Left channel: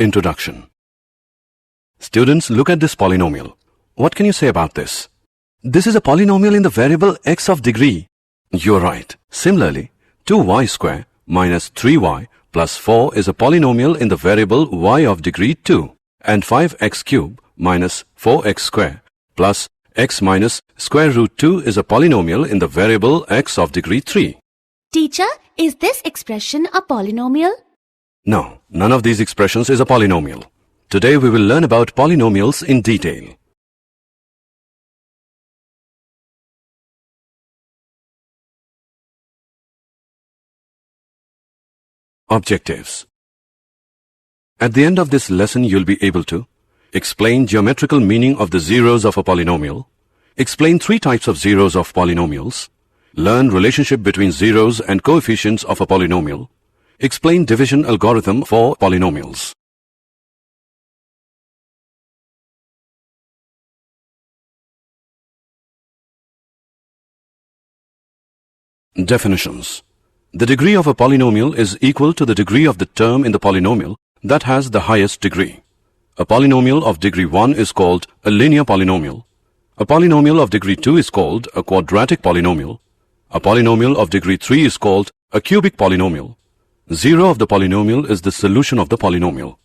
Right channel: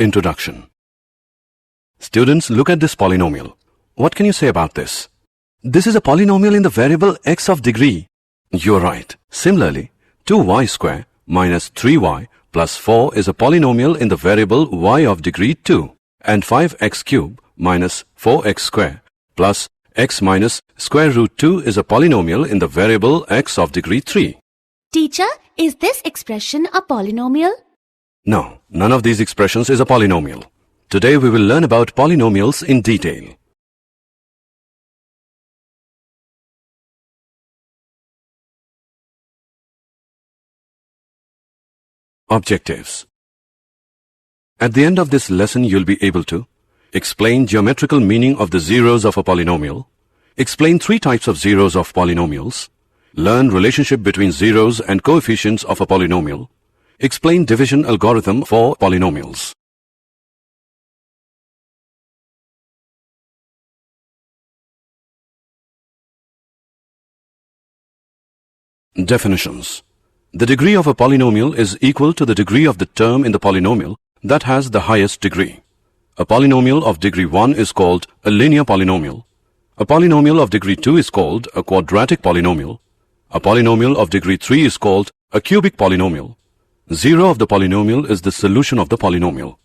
Introduction. Students, look at this polynomial. What can you say about this? This is a polynomial in the variable x of degree. You're right. Similarly, 2y square minus 3y plus 4 is a polynomial in the variable y of degree 2. And 5x cubed minus 4x square Plus x minus square root 2 is a polynomial in the variable x of degree 3. Teacher, is this expression a polynomial? No, none of these expressions is a polynomial. Today we will learn about polynomials in detail. Objectives. At the end of this lesson, you'll be able to explain geometrical meaning of the zeros of a polynomial, explain 3 types of zeros of polynomials, learn relationship between zeros and coefficients of a polynomial, explain division algorithm for polynomials. Definitions. The degree of a polynomial is equal to the degree of the term in the polynomial that has the highest degree. A polynomial of degree 1 is called a linear polynomial. A polynomial of degree 2 is called a quadratic polynomial. A polynomial of degree 3 is called a cubic polynomial. 0 of the polynomial is the solution of the polynomial.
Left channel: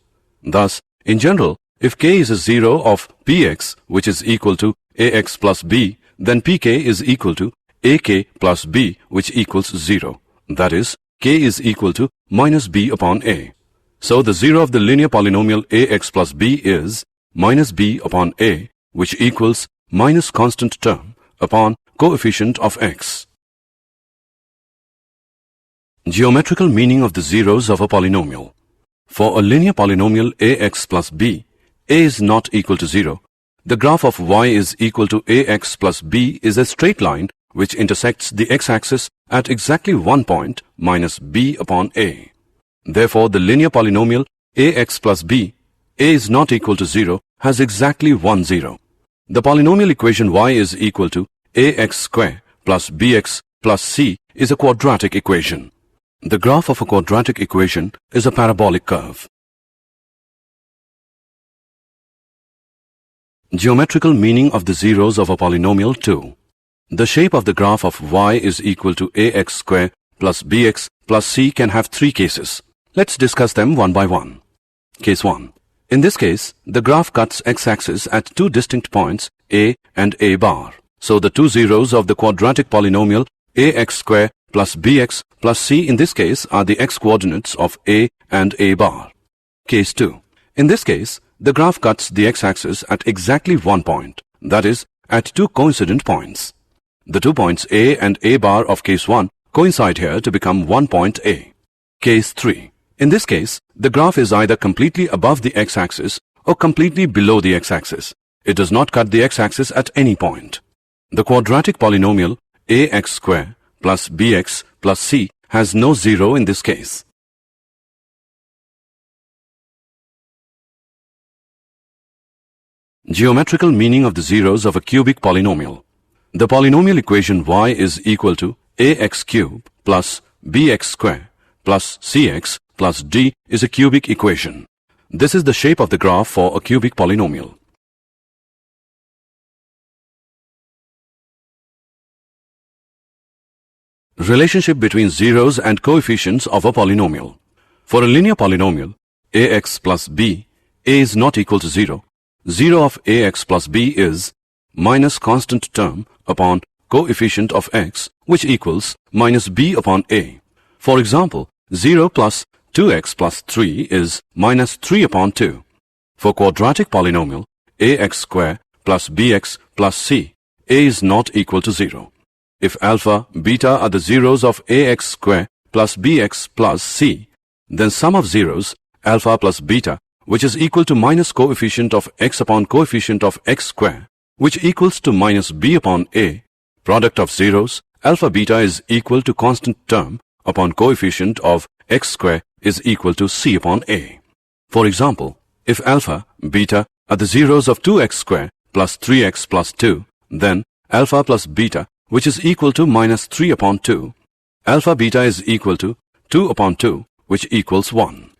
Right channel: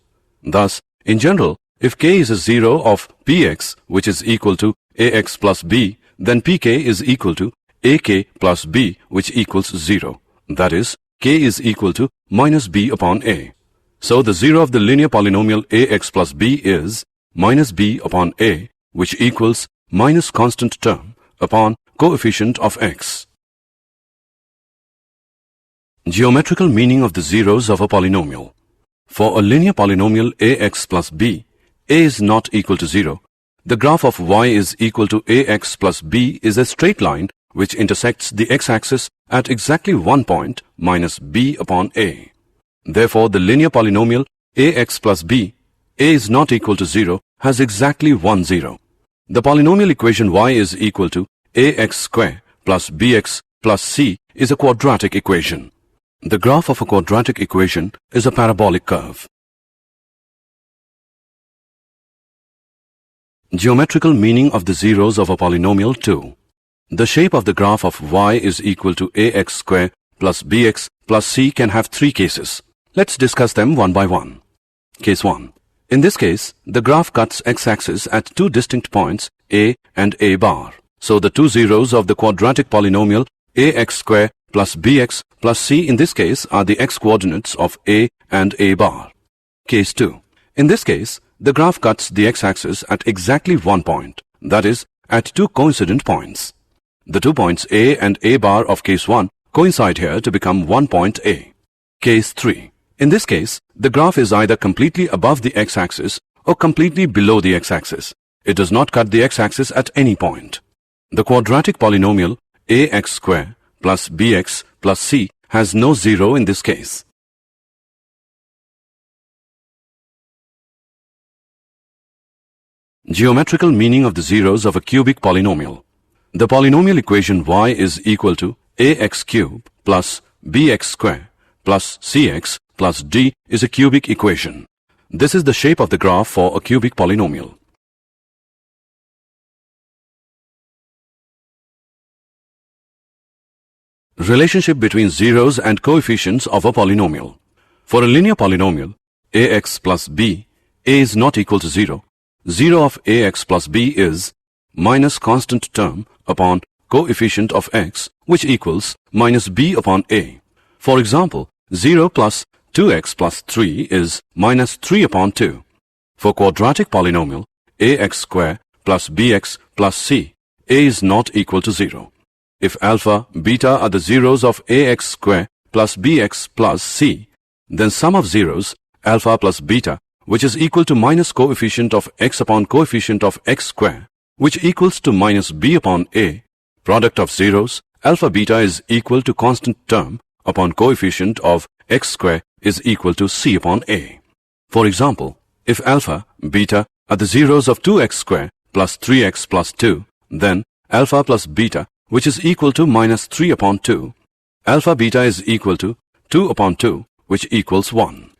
Thus, in general, if k is a 0 of px, which is equal to ax plus b, then pk is equal to ak plus b, which equals 0. That is, k is equal to minus b upon a. So the 0 of the linear polynomial ax plus b is minus b upon a, which equals minus constant term upon coefficient of x. Geometrical meaning of the zeros of a polynomial. For a linear polynomial ax plus b, a is not equal to 0. The graph of y is equal to ax plus b is a straight line which intersects the x-axis at exactly one point minus b upon a. Therefore, the linear polynomial ax plus b, a is not equal to 0, has exactly 1 0. The polynomial equation y is equal to ax square plus bx plus c is a quadratic equation. The graph of a quadratic equation is a parabolic curve. Geometrical meaning of the zeros of a polynomial 2. The shape of the graph of y is equal to ax square plus bx plus c can have 3 cases. Let's discuss them one by one. Case 1. In this case, the graph cuts x-axis at 2 distinct points, a and a bar. So the 2 zeros of the quadratic polynomial ax square plus bx plus c in this case are the x-coordinates of a and a bar. Case 2. In this case, the graph cuts the x-axis at exactly one point, that is, at 2 coincident points. The 2 points a and a bar of case 1 coincide here to become one point a. Case 3. In this case, the graph is either completely above the x-axis or completely below the x-axis. It does not cut the x-axis at any point. The quadratic polynomial ax square plus bx plus c has no 0 in this case. Geometrical meaning of the zeros of a cubic polynomial. The polynomial equation y is equal to ax cubed plus bx square plus cx plus d is a cubic equation. This is the shape of the graph for a cubic polynomial. Relationship between zeros and coefficients of a polynomial. For a linear polynomial, ax plus b, a is not equal to 0. 0 of ax plus b is minus constant term upon coefficient of x, which equals minus b upon a. For example, 0 plus 2x plus 3 is minus 3 upon 2. For quadratic polynomial, ax square plus bx plus c, a is not equal to 0. If alpha, beta are the zeros of ax square plus bx plus c, then sum of zeros, alpha plus beta, which is equal to minus coefficient of x upon coefficient of x square, which equals to minus b upon a, product of zeros, alpha beta is equal to constant term upon coefficient of x square is equal to c upon a. For example, if alpha, beta are the zeros of 2x square plus 3x plus 2, then alpha plus beta, which is equal to minus 3 upon 2. Alpha beta is equal to 2 upon 2, which equals 1.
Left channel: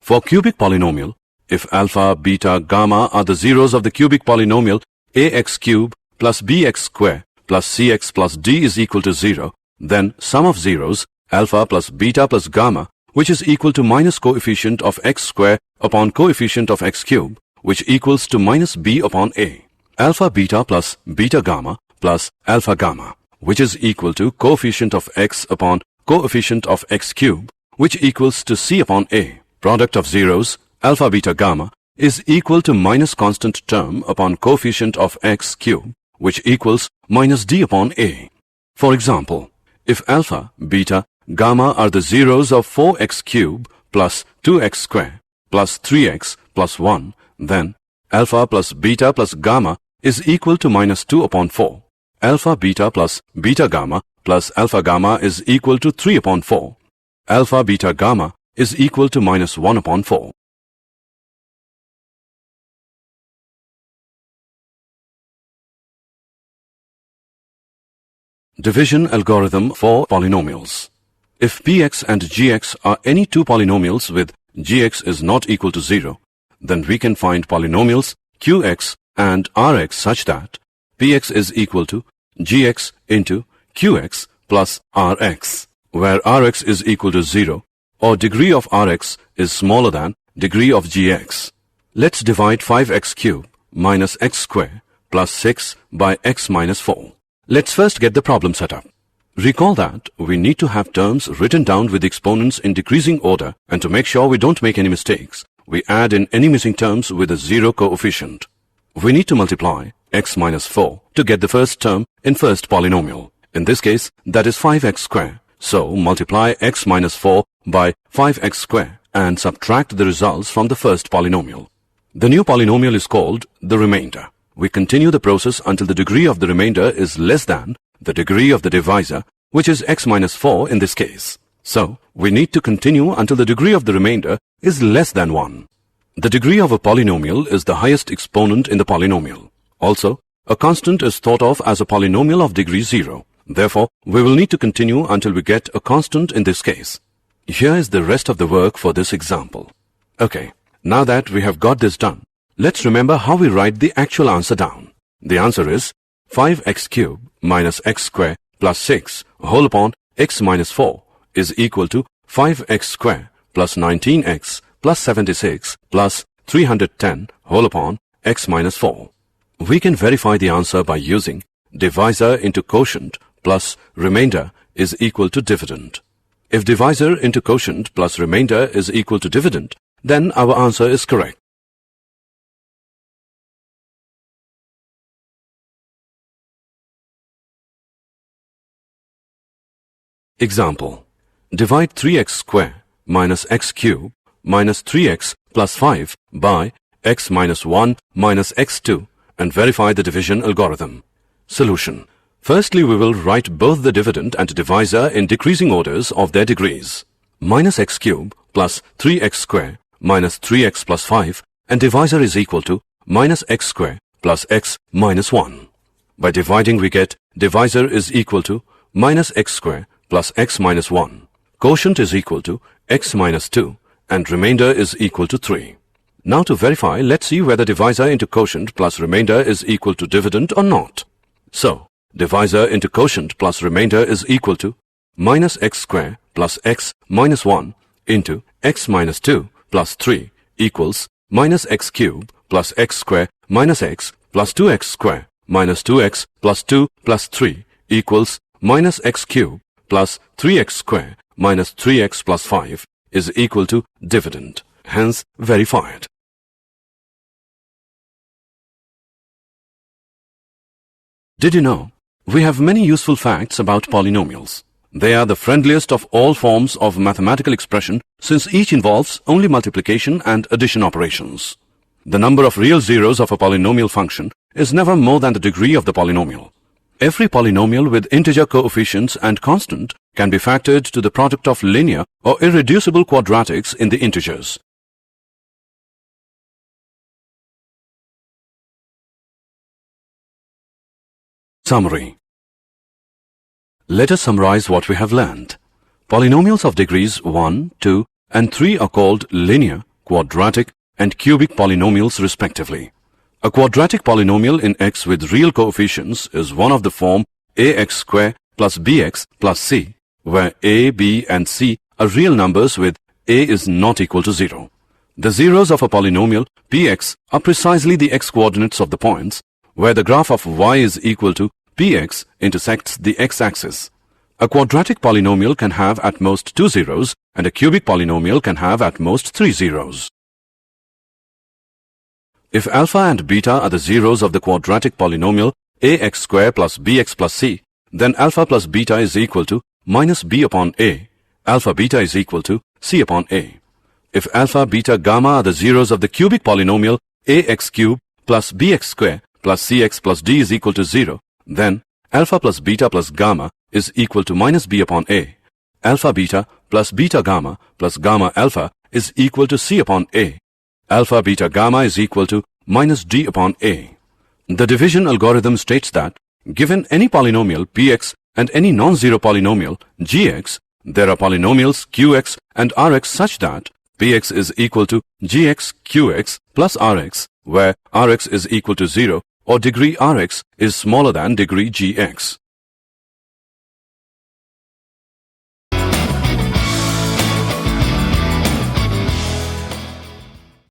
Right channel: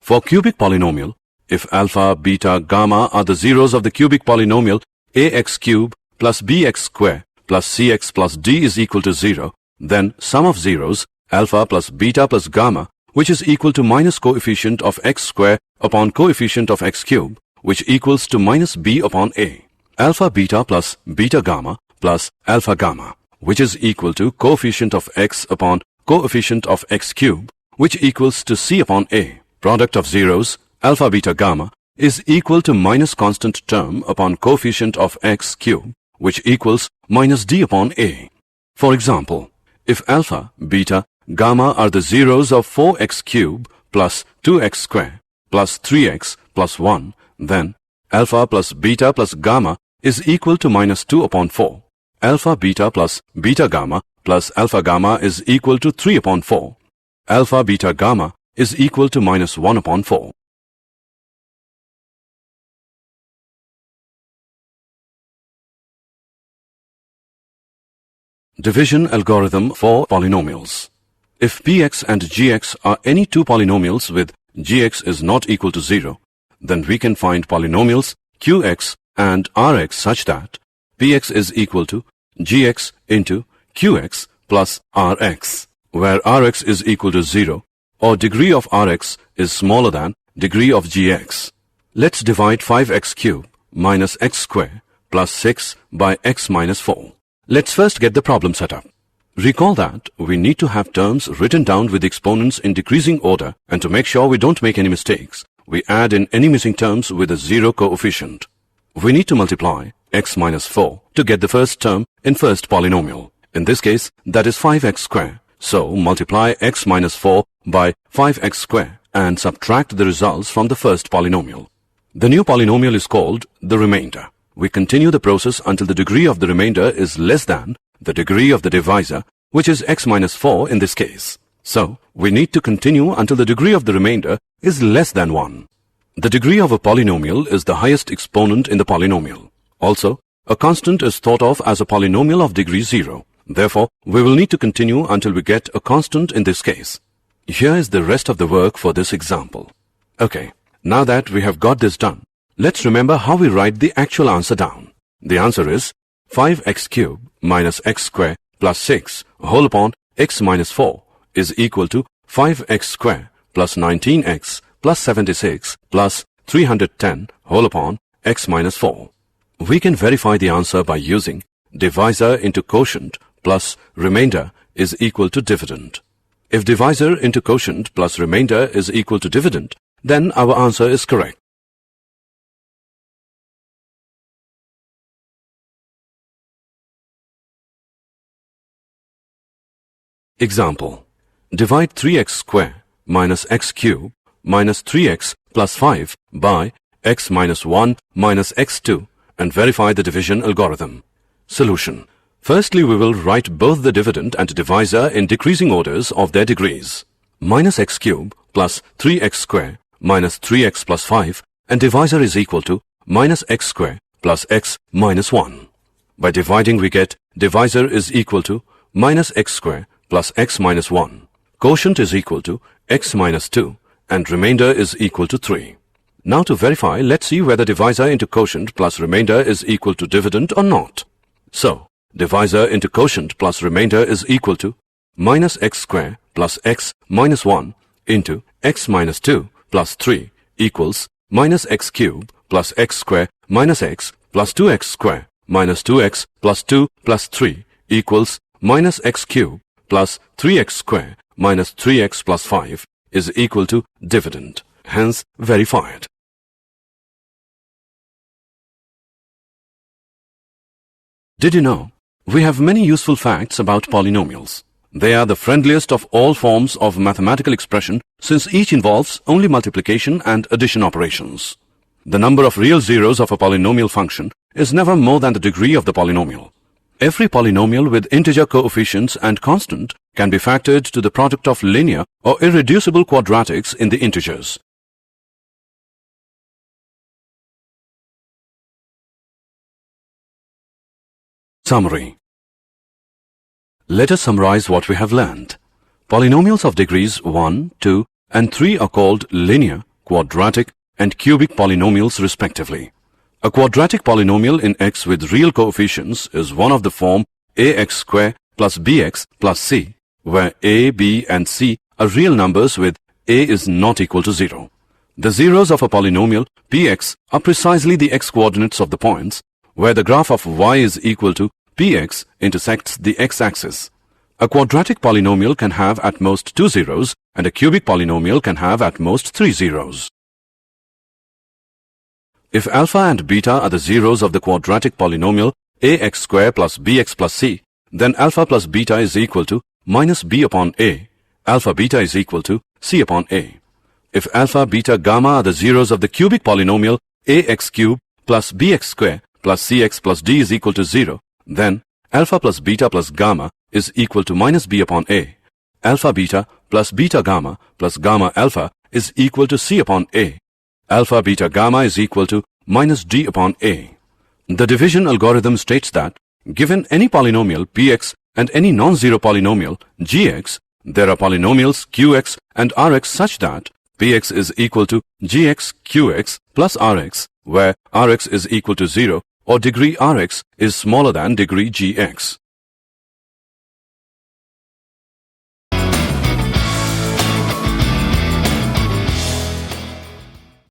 For cubic polynomial, If alpha, beta, gamma are the zeros of the cubic polynomial ax cube plus bx square plus cx plus d is equal to 0, then sum of zeros, alpha plus beta plus gamma, which is equal to minus coefficient of x square upon coefficient of x cube, which equals to minus b upon a. Alpha beta plus beta gamma plus alpha gamma, which is equal to coefficient of x upon coefficient of x cube, which equals to c upon a. Product of zeros, alpha beta gamma, is equal to minus constant term upon coefficient of x cube, which equals minus d upon a. For example, if alpha, beta, gamma are the zeros of 4x cube plus 2x square plus 3x plus 1, then alpha plus beta plus gamma is equal to minus 2 upon 4. Alpha beta plus beta gamma plus alpha gamma is equal to 3 upon 4. Alpha beta gamma is equal to minus 1 upon 4. Division algorithm for polynomials. If px and gx are any two polynomials with gx is not equal to 0, then we can find polynomials qx and rx such that px is equal to gx into qx plus rx, where rx is equal to 0 or degree of rx is smaller than degree of gx. Let's divide 5x cubed minus x square plus 6 by x minus 4. Let's first get the problem set up. Recall that we need to have terms written down with exponents in decreasing order, and to make sure we don't make any mistakes, we add in any missing terms with a 0 coefficient. We need to multiply x minus 4 to get the first term in first polynomial. In this case, that is 5x square. So multiply x minus 4 by 5x square and subtract the results from the first polynomial. The new polynomial is called the remainder. We continue the process until the degree of the remainder is less than the degree of the divisor, which is x minus 4 in this case. So, we need to continue until the degree of the remainder is less than 1. The degree of a polynomial is the highest exponent in the polynomial. Also, a constant is thought of as a polynomial of degree 0. Therefore, we will need to continue until we get a constant in this case. Here is the rest of the work for this example. Okay, now that we have got this done, let's remember how we write the actual answer down. The answer is 5x cubed minus x square plus 6 whole upon x minus 4 is equal to 5x square plus 19x plus 76 plus 310 whole upon x minus 4. We can verify the answer by using divisor into quotient plus remainder is equal to dividend. If divisor into quotient plus remainder is equal to dividend, then our answer is correct. Example. Divide 3x square minus x cube minus 3x plus 5 by x minus 1 minus x2 and verify the division algorithm. Solution. Firstly, we will write both the dividend and divisor in decreasing orders of their degrees. Minus x cube plus 3x square minus 3x plus 5 and divisor is equal to minus x square plus x minus 1. By dividing we get divisor is equal to minus x square plus x minus 1. Quotient is equal to x minus 2 and remainder is equal to 3. Now to verify, let's see whether divisor into quotient plus remainder is equal to dividend or not. So, divisor into quotient plus remainder is equal to minus x square plus x minus 1 into x minus 2 plus 3 equals minus x cube plus x square minus x plus 2x square minus 2x plus 2 plus 3 equals minus x cube plus 3x square minus 3x plus 5 is equal to dividend, hence verified. Did you know? We have many useful facts about polynomials. They are the friendliest of all forms of mathematical expression since each involves only multiplication and addition operations. The number of real zeros of a polynomial function is never more than the degree of the polynomial. Every polynomial with integer coefficients and constant can be factored to the product of linear or irreducible quadratics in the integers. Summary. Let us summarize what we have learned. Polynomials of degrees 1, 2, and 3 are called linear, quadratic, and cubic polynomials respectively. A quadratic polynomial in x with real coefficients is one of the form ax square plus bx plus c, where a, b, and c are real numbers with a is not equal to 0. The zeros of a polynomial px are precisely the x-coordinates of the points where the graph of y is equal to px intersects the x-axis. A quadratic polynomial can have at most 2 zeros, and a cubic polynomial can have at most 3 zeros. If alpha and beta are the zeros of the quadratic polynomial ax square plus bx plus c, then alpha plus beta is equal to minus b upon a. Alpha beta is equal to c upon a. If alpha, beta, gamma are the zeros of the cubic polynomial ax cubed plus bx square plus cx plus d is equal to 0, then alpha plus beta plus gamma is equal to minus b upon a. Alpha beta plus beta gamma plus gamma alpha is equal to c upon a. Alpha beta gamma is equal to minus d upon a. The division algorithm states that given any polynomial px and any non-zero polynomial gx, there are polynomials qx and rx such that px is equal to gx qx plus rx, where rx is equal to 0 or degree rx is smaller than degree gx.